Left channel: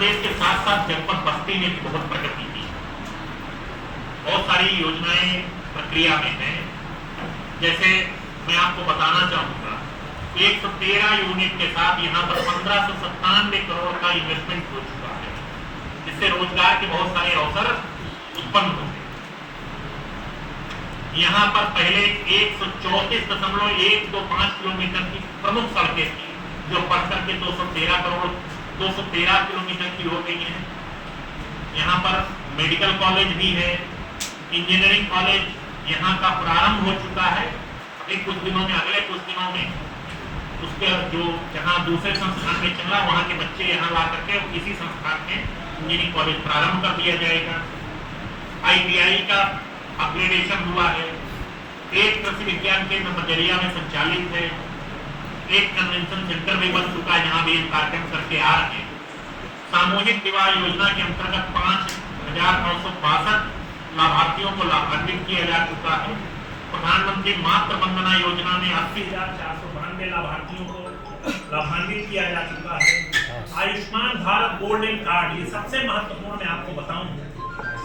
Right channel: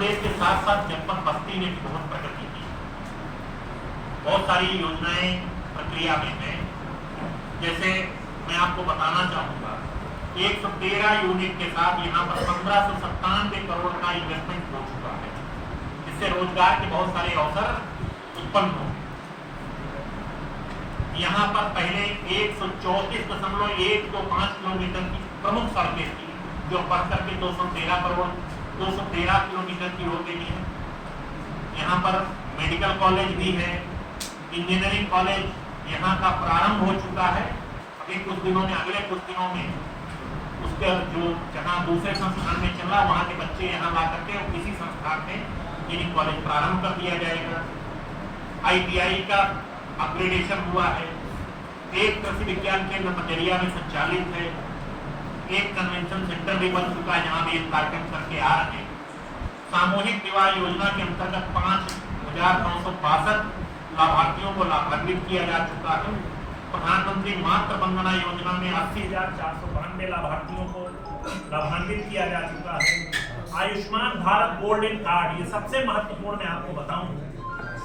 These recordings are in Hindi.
प्रदेश के साथ साथ जनपद बस्ती में भी बहुत प्रगति की। बहुत सारी योजनाएं प्रक्रिया में हैं। जैसे मैं आपको बताना चाहूंगा, 113 यूनिट के साथ यहाँ पर 1597 करोड़ का इन्वेस्टमेंट हो चुका है, जिससे रोजगार के बहुत सारे अवसर उत्पन्न हो गए। यहाँ पर पहले 134.125 किलोमीटर की प्रमुख सड़कें थी, जो बढ़कर के 213 किलोमीटर की हो गई है। यहाँ पर मेडिकल कॉलेज भी है, इंजीनियरिंग कॉलेज यहाँ का प्रारंभ हो चुका है। अगले कुछ दिनों में उसके जो जहाँ दूसरे संस्थान में चल रहा, वहाँ के बच्चे यहाँ ला करके इसी संस्थान में इंजीनियरिंग कॉलेज प्रारंभ कर दिया जाएगा। ITI का अपग्रेडेशन हुआ है। एक कृषि विज्ञान केंद्र मजरिया में संचालित है। एक कन्वेंशन सेंटर भी बन चुका है, जहाँ भी कार्यक्रम करके आ रहे हैं। सामूहिक विवाह योजना के अंतर्गत 5,962 लाभार्थियों को लाभान्वित किया जा चुका है। प्रधानमंत्री मातृ वंदना योजना में 80,492 लाभार्थियों को लाभान्वित किया जा चुका है। आयुष्मान भारत गोल्डन कार्ड, ये सबसे महत्वपूर्ण मैं आपको बताऊं,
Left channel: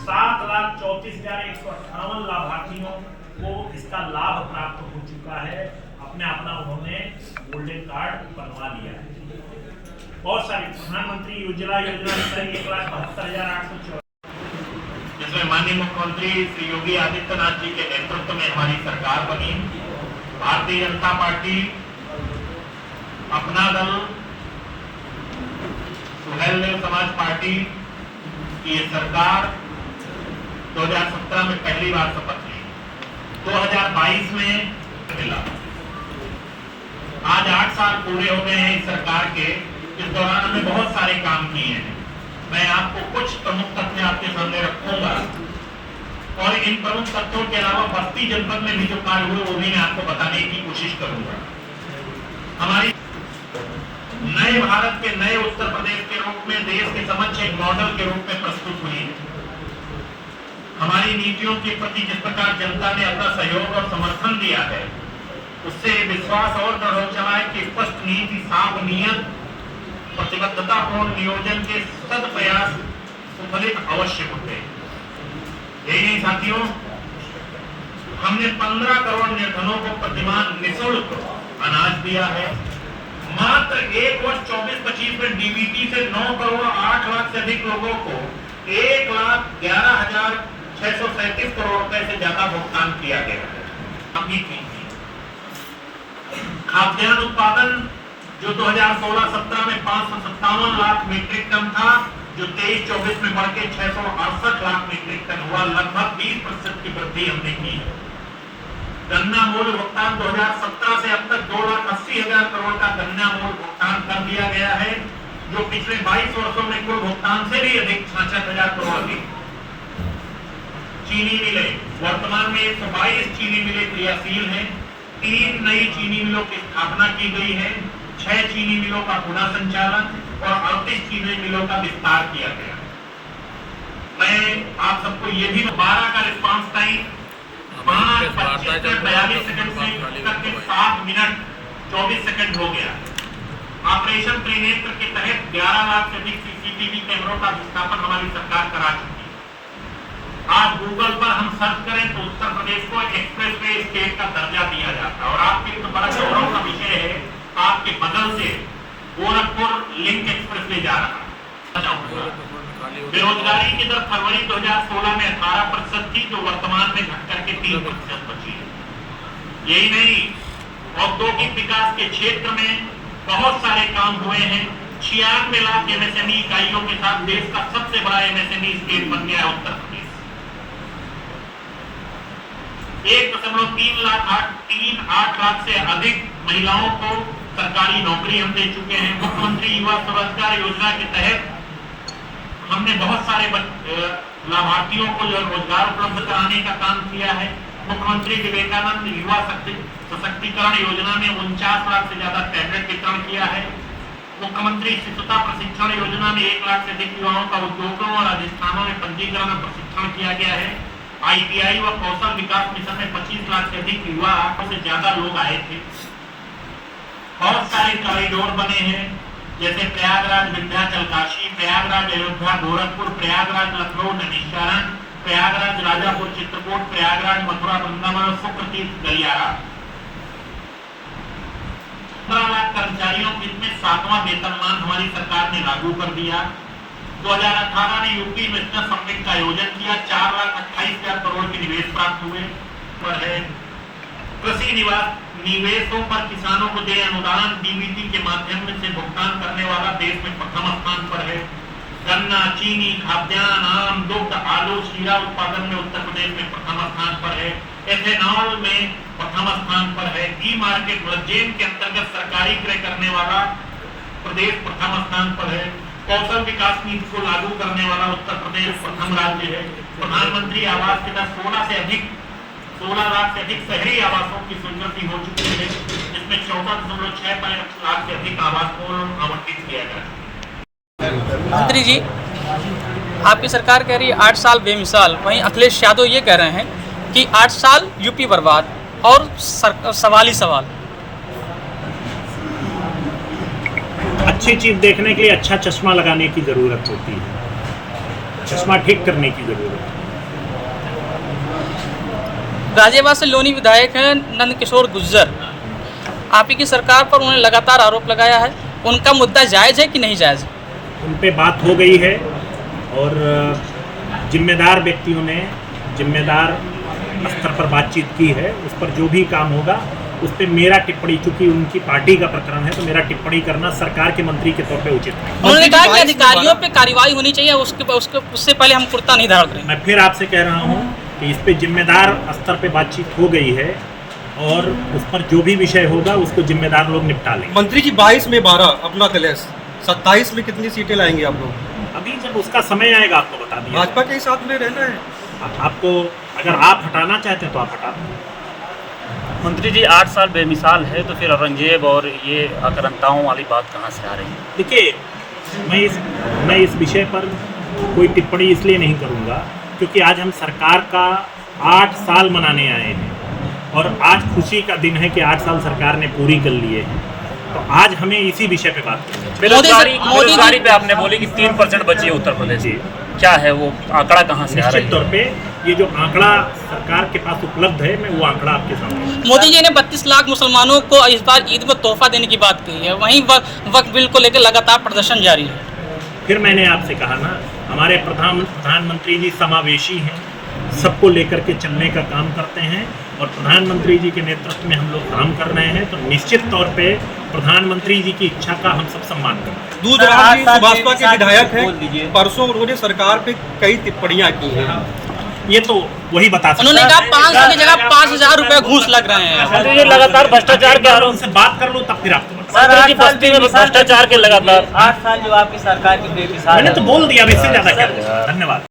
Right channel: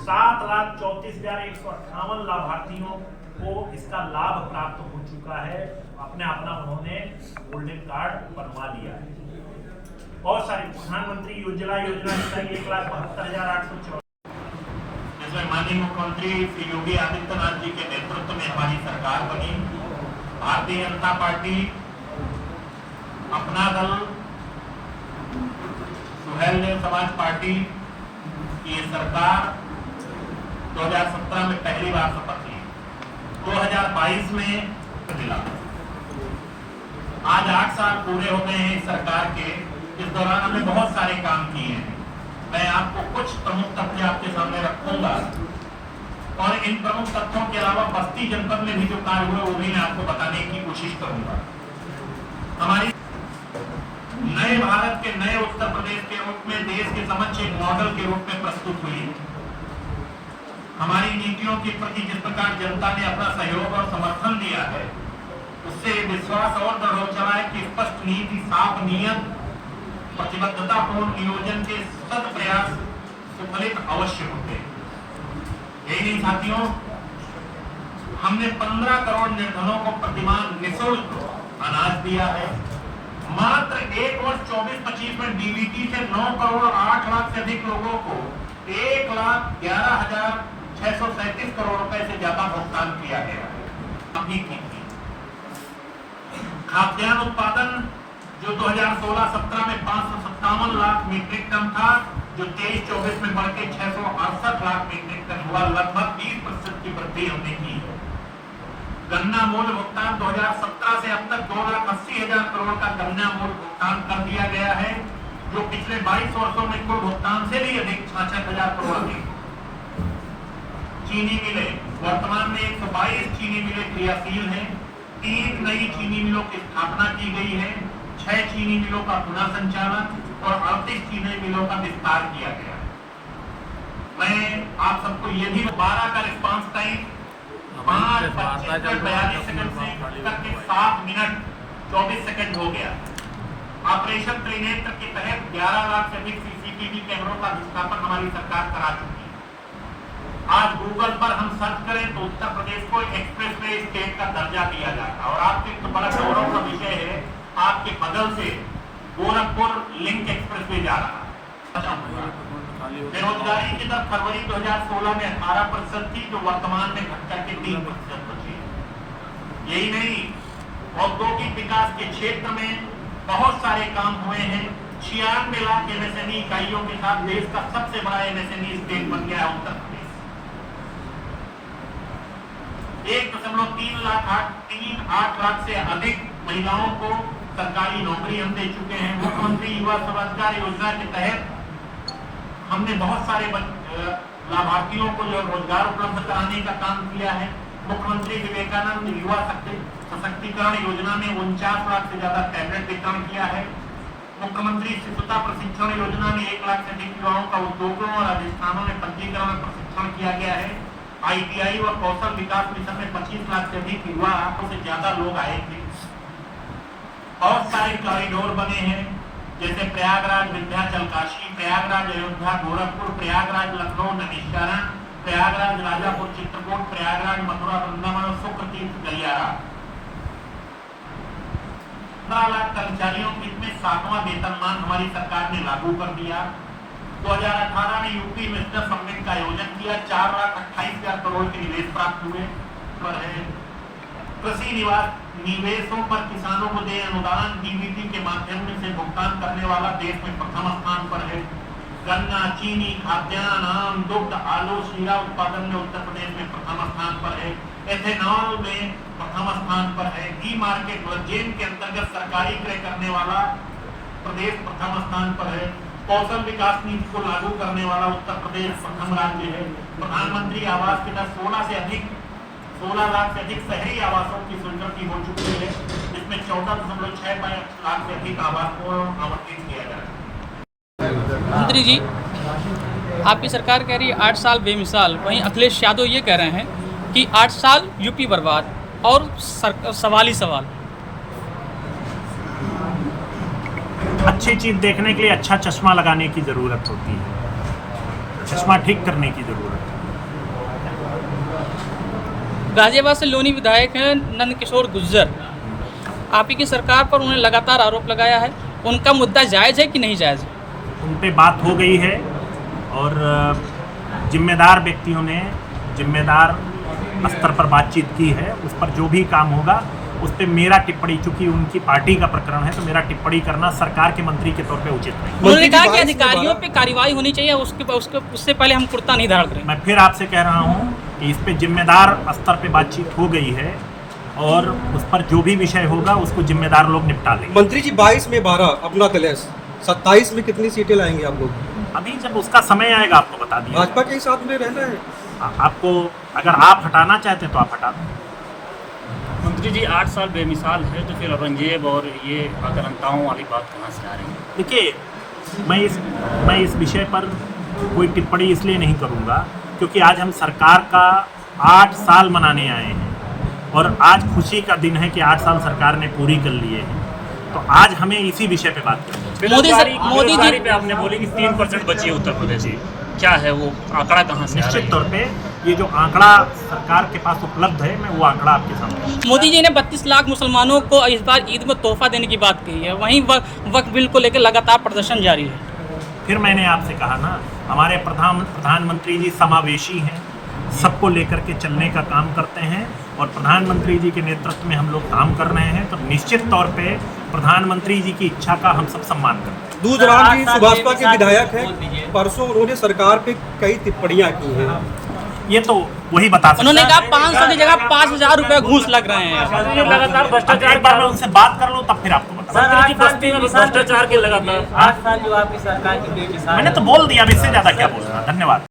7,34,158 लाभार्थियों को इसका लाभ प्राप्त हो चुका है। अपना उन्होंने गोल्डन कार्ड बनवा लिया है। बहुत सारी प्रधानमंत्री योजना 1,72,814, जिसमें माननीय मुख्यमंत्री श्री योगी आदित्यनाथ जी के नेतृत्व में हमारी सरकार बनी। भारतीय जनता पार्टी, अपना दल, सुहेल देव समाज पार्टी की सरकार 2017 में पहली बार शपथ ली, 2022 में मिला। आज 8 साल पूरे हो गए हैं इस सरकार के। इस दौरान हमने बहुत सारे काम किए हैं। मैं आपको कुछ प्रमुख तथ्य आपके सामने रखूंगा और इन प्रमुख तथ्यों के अलावा बस्ती जनपद में भी जो कार्य हुए वो भी मैं आपको बताने की कोशिश करूंगा। हमारी नए भारत के नए उत्तर प्रदेश के रूप में देश के समक्ष एक मॉडल के रूप में प्रस्तुत हुई है। हमारी नीतियों के प्रति जिस प्रकार जनता ने अपना सहयोग और समर्थन दिया है, उससे विश्वास और दृढ़ हो चला है कि स्पष्ट नीति, साफ नियत, प्रतिबद्धतापूर्ण नियोजन के सद प्रयास सुफलित अवश्य होते। यही नहीं साथियों, हमने 15 करोड़ निर्धनों को प्रतिमाह निःशुल्क अनाज दिया है। मात्र एक वर्ष 24-25 में DBT से 9 करोड़ 8 लाख से अधिक लोगों को 1,11,637 करोड़ रुपए से ज्यादा भुगतान किया गया। खाद्यान्न उत्पादन जो 2016-17 में 557 लाख मीट्रिक टन था, जो 23-24 में बढ़ के 668 लाख मीट्रिक टन हुआ, लगभग 20% की वृद्धि हमने की। गन्ना मूल्य भुगतान 2017 से अब तक 2,80,000 करोड़ का गन्ना मूल्य भुगतान कर दिया गया है, जो पिछले 22 वर्षों में कुल भुगतान से भी अधिक 66,000 करोड़ अधिक। चीनी मिले, वर्तमान में 122 चीनी मिले क्रियाशील हैं। 3 नई चीनी मिलों की स्थापना की गई है। 6 चीनी मिलों का पुनः संचालन और 38 चीनी मिलों का विस्तार किया गया। मैं आप सबको ये भी 12 का रिस्पांस टाइम 5:25-42 सेकंड से करके 7 मिनट 24 सेकंड हो गया। ऑपरेशन त्रिनेत्र के तहत 11 लाख से अधिक CCTV कैमरों का स्थापन हमारी सरकार करा चुकी है। आज गूगल पर हम सर्च करें तो उत्तर प्रदेश को एक्सप्रेसवे स्टेट का दर्जा दिया जाता है। और आपके लिए तो बड़ा गौरव का विषय है, आपके बगल से गोरखपुर लिंक एक्सप्रेसवे जा रहा। बेरोजगारी की दर फरवरी 2016 में 18% थी, जो वर्तमान में घटकर के 3% बची है। यही नहीं, औद्योगिक विकास के क्षेत्र में बहुत सारे काम हुए हैं। 96 लाख MSME इकाइयों के साथ देश का सबसे बड़ा MSME स्टेट बन गया है उत्तर प्रदेश। 1.38 लाख से अधिक महिलाओं को सरकारी नौकरी हम दे चुके हैं। मुख्यमंत्री युवा स्वरोजगार योजना के तहत हमने बहुत सारे लाभार्थियों को रोजगार उपलब्ध कराने का काम किया है। मुख्यमंत्री विवेकानंद युवा सशक्तिकरण योजना में 49 लाख से ज्यादा टैबलेट वितरण किया है। मुख्यमंत्री शिशुता प्रशिक्षण योजना में 1 लाख से अधिक युवाओं का उद्योगों और अधिष्ठानों में पंजीकरण और प्रशिक्षण किया गया है। ITI व कौशल विकास मिशन में 25 लाख से अधिक युवा से ज्यादा लोग आए थे। बहुत सारे कॉरिडोर बने हैं। जैसे प्रयागराज विंध्याचल काशी, प्रयागराज अयोध्या गोरखपुर, प्रयागराज लखनऊ नैमिषारण्य, प्रयागराज राजापुर चित्रकूट, प्रयागराज मथुरा वृंदावन, शुक्रतीर्थ गलियारा। 15 लाख कर्मचारियों के हित में 7वां वेतनमान हमारी सरकार ने लागू कर दिया। 2018 में यूपी इन्वेस्टर समिट का आयोजन किया, 4,28,000 करोड़ के निवेश प्राप्त हुए पर है। कृषि निवेशों पर किसानों को दे अनुदान डीबीटी के माध्यम से भुगतान करने वाला देश में प्रथम स्थान पर है। गन्ना, चीनी, खाद्यान्न, आम, दुग्ध, आलू, शीरा उत्पादन में उत्तर प्रदेश में प्रथम स्थान पर है। एथेनॉल में प्रथम स्थान पर है। ई मार्केट जेम के अंतर्गत सरकारी क्रय करने वाला प्रदेश प्रथम स्थान पर है। कौशल विकास नीति को लागू करने वाला उत्तर प्रदेश प्रथम राज्य है। प्रधानमंत्री आवास के तहत 16 लाख से अधिक शहरी आवासों की स्वीकृति हो चुकी है, जिसमें 14.6 लाख से अधिक आवास को आवंटित किया गया है। मंत्री जी, आपकी सरकार कह रही है 8 साल बेमिसाल, वहीं अखिलेश यादव ये कह रहे हैं कि 8 साल यूपी बर्बाद और सवाल ही सवाल। अच्छी चीज देखने के लिए अच्छा चश्मा लगाने की जरूरत होती है, चश्मा ठीक करने की जरूरत है। गाजियाबाद से लोनी विधायक हैं नंद किशोर गुर्जर, आप ही की सरकार पर उन्होंने लगातार आरोप लगाया है, उनका मुद्दा जायज़ है कि नहीं जायज़? उन पे बात हो गई है और जिम्मेदार व्यक्तियों ने जिम्मेदार स्तर पर बातचीत की है। उस पर जो भी काम होगा उस पर मेरा टिप्पणी, चूंकि उनकी पार्टी का प्रकरण है तो मेरा टिप्पणी करना सरकार के मंत्री के तौर पे उचित है। उन्होंने कहा कि अधिकारियों पे कार्रवाई होनी चाहिए, उससे पहले हम कुर्ता नहीं धारण करें। मैं फिर आपसे कह रहा हूँ कि इस पे जिम्मेदार स्तर पे बातचीत हो गई है और उस पर जो भी विषय होगा उसको जिम्मेदार लोग निपटा लेंगे। मंत्री जी 22 में 12 अपना कलेश, 27 में कितनी सीटें लाएंगे आप लोग? अभी जब उसका समय आएगा आपको बता दिया। भाजपा के साथ में रहना है आपको, अगर आप हटाना चाहते हैं तो आप हटा दें। मंत्री जी 8 साल बेमिसाल है, तो फिर औरंगजेब और ये आक्रांताओं वाली बात कहाँ से आ रही है? देखिए, मैं इस विषय पर कोई टिप्पणी इसलिए नहीं करूँगा क्योंकि आज हम सरकार का 8 साल मनाने आए हैं और आज खुशी का दिन है कि 8 साल सरकार ने पूरी कर लिए हैं, तो आज हमें इसी विषय पे बात करनी है। बेरोजगारी पे आपने बोली कि 3% बची है उत्तर प्रदेश की, क्या है वो आंकड़ा कहाँ से आ रहा है? निश्चित तौर पे ये जो आंकड़ा सरकार के पास उपलब्ध है, मैं वो आंकड़ा आपके सामने। मोदी जी ने 32 लाख मुसलमानों को इस बार ईद में तोहफा देने की बात कही है, वहीं वक्फ बिल को लेकर लगातार प्रदर्शन जारी है। फिर मैंने आपसे कहा ना, हमारे प्रधानमंत्री जी समावेशी हैं, सबको लेकर के चलने का काम करते हैं और प्रधानमंत्री जी के नेतृत्व में हम लोग काम कर रहे हैं, तो निश्चित तौर पे प्रधानमंत्री जी की इच्छा का हम सब सम्मान करते हैं। दूधराम जी सुभाषपा के विधायक हैं, परसों उन्होंने सरकार पे कई टिप्पणियां की हैं। ये तो वही बता सकते हैं। उन्होंने कहा 500 की जगह 5,000 रुपए घूस लग रहे हैं। ये लगातार भ्रष्टाचार का उनसे बात कर लो तब फिर आपको बता। मंत्री जी बस्ती में भ्रष्टाचार के लगातार 8 साल जो आपकी सरकार की बेमिसाल, मैंने तो बोल दिया, अब इससे ज्यादा क्या बोलना। धन्यवाद।